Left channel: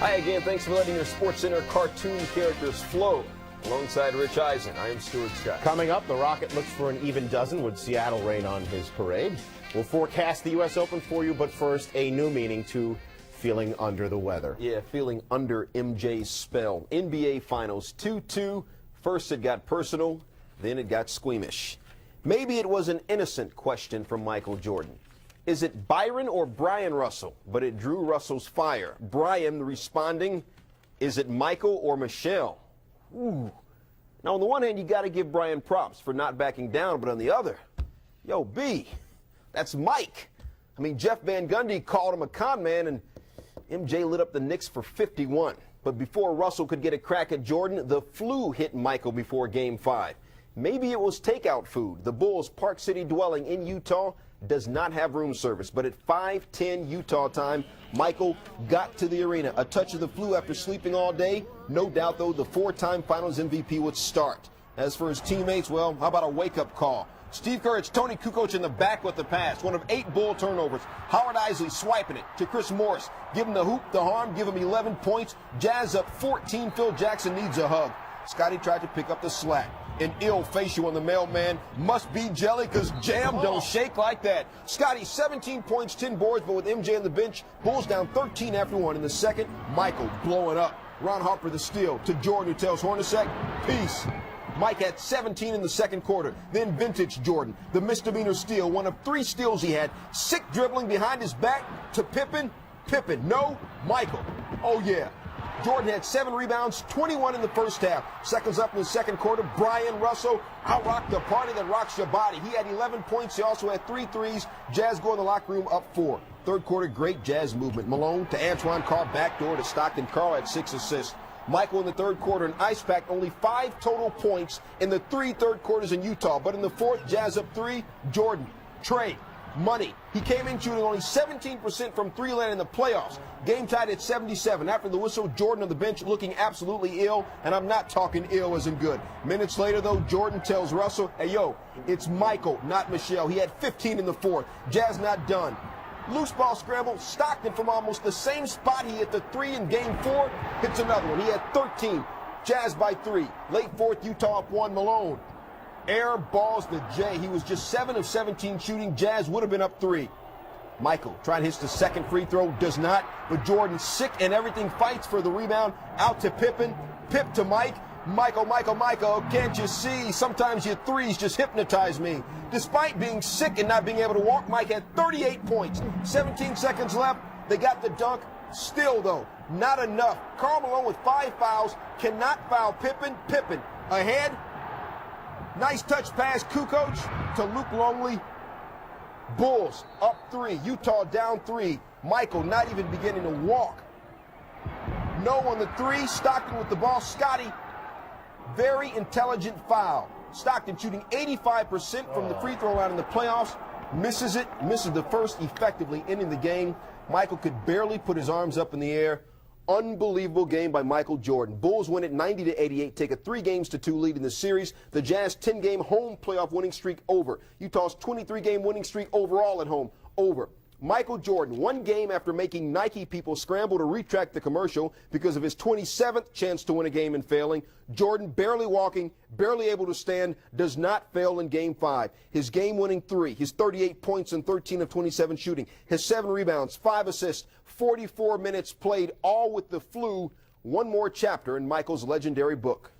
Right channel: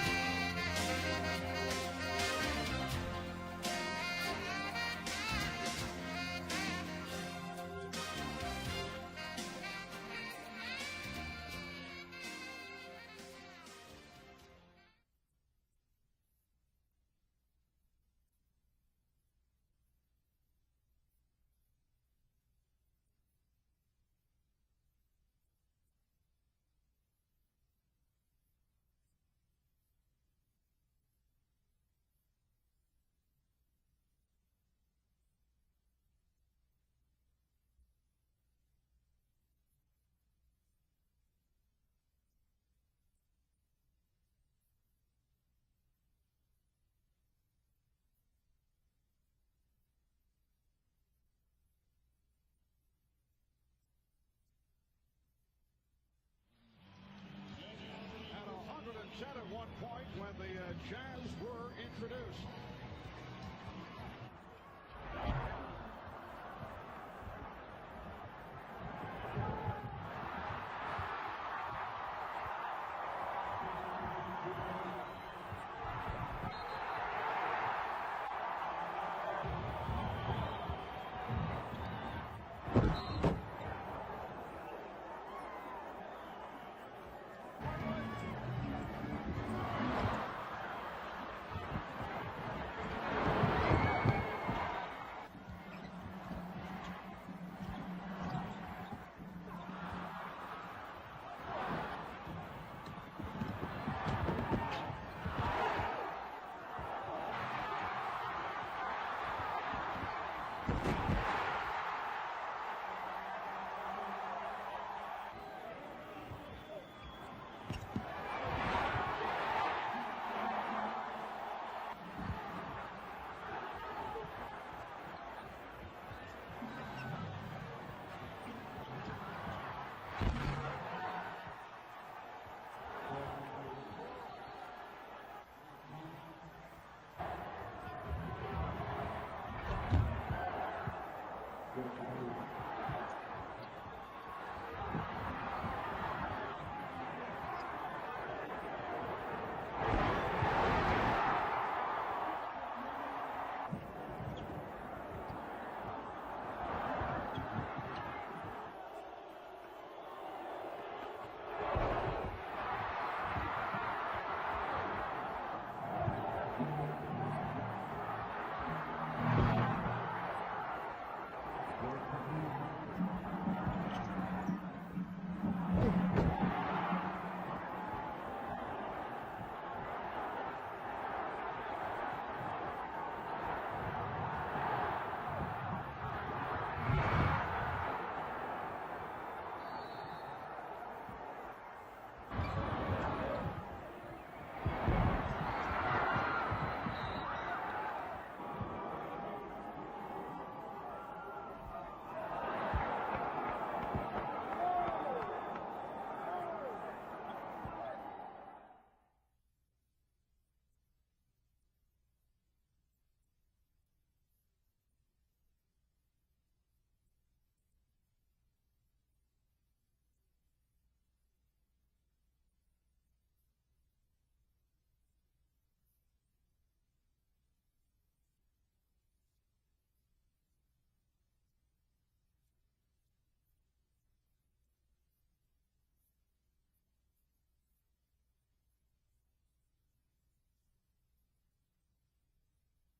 Hi again, thanks for letting your SportsCenter cartoon characters flow. Alongside Rich Eisen, I am Stuart Scott. Coming up, the Rocket looks for an even dozen with Seattle rain on his parade. We'll forecast the U.S. Open for you, but first, a new meaning to feeling under the weather. Yeah, feeling under MJ's spell. NBA Finals 2-2. First it got personal, then it got squeamish. Maybe it was an innocent question from Michael Jordan. Is it Byron or Brian Russell? But it drew Russell's fire. Brian responding, is it Michael or Michelle? Ooh. Now, on the one hand, you got to give Brian props for not backing down, but on the other, yo, B, that's Mike. I mean, Jeff Van Gundy called him a con man, and MJ lit up the Knicks for 51. But before Russell could get a crack at Jordan, the flu hit Michael before Game 5. Maybe it was takeout food. The Bulls' Park City dwelling in Utah does not have room service, but at 5:10 Utah time, Michael got to the arena. A touch of the flu after sleeping all day. No doubt, though, the four-time Finals MVP would start. As for his teammates, well, how about a wake-up call? Steve Kerr, it's Tony Kukoc in the back with the pass. One of 8 Bull turnovers. Howard Isley swiping it to Chris Morris. Give him the hoop, the harm, give him 11 points. Jazz up 14. Phil Jackson needs a hug. Scotty tried to pick up the slack. An ill facial on the mailman. Must be jelly, because jam don't shake like that. Scotty, 17 points, 10 boards, but with MJ on the bench, Bulls down 13 after 1 in the second. Michael blowing up. Ron Harper the steal to Jordan, who tells Hornacek, peace. Mike had 17 in the second quarter. Then vintage Jordan, the misdemeanor steal, one of 3 steals he had. Sick dribbling behind his back to Pippen. Pippen, no, Michael. Oh, yeah. Jordan had 7 rebounds, 21 in the first half. Seconds up in the second quarter, Brian Russell out-rocked the party that rocks your body. He had 11 points. He also had 3 threes. Jazz go in the locker room up 4. Third quarter, great Jazz movement. Malone to Antoine, caught backdoor to Stockton. Carl had 6 assists. Michael in the third quarter, an ice pack, only 5 total points in the 3 third quarters in Utah. But in the fourth, Jazz up 3. Jordan, Trey, money. He came in shooting only 17% from 3-land in the playoffs. Game tied at 77. After the whistle, Jordan on the bench looking absolutely ill, and I'm not talking ill as in good. Minutes later, though, Jordan tells Russell, hey, yo, it's Michael, not Michelle. He had 15 in the fourth. Jazz not done. Loose ball scramble. Stockton from almost the same spot he hit the 3 in Game 4. Hits another one. He had 13. Jazz by 3. Late fourth, Utah up 1. Malone air balls to Jay. He was just 7 of 17 shooting. Jazz would have been up 3. Michael trying to hit the second free throw. Does not. But Jordan sick and everything, fights for the rebound. Out to Pippen. Pip to Mike. Michael, can't you see? Sometimes your threes just hypnotize me. Despite being sick and not being able to walk, Mike had 38 points. 17 seconds left. They got the dunk. Still, though, not enough. Karl Malone with 5 fouls. Cannot foul Pippen. Pippen ahead. Nice touch pass, Kukoc to Luke Longley. Bulls up 3. Utah down 3. Michael not even beginning to walk. No on the 3. Stockton with the ball. Scotty, very intelligent foul. Stockton shooting 85% from the free throw line in the playoffs. Misses it. Misses the first, effectively ending the game. Michael could barely put his arms up in the air. Unbelievable game by Michael Jordan. Bulls win it 90-88, take a 3-2 lead in the series. The Jazz 10-game home playoff winning streak over. Utah's 23-game winning streak overall at home over. Michael Jordan, 1 game after making Nike people scramble to retract the commercial because of his 27th chance to win a game and failing. Jordan barely walking, barely able to stand, does not fail in Game 5. His game-winning 3, his 38 points and 13 of 27 shooting, his 7 rebounds, 5 assists, 44 minutes played, all with the flu. One more chapter in Michael's legendary book.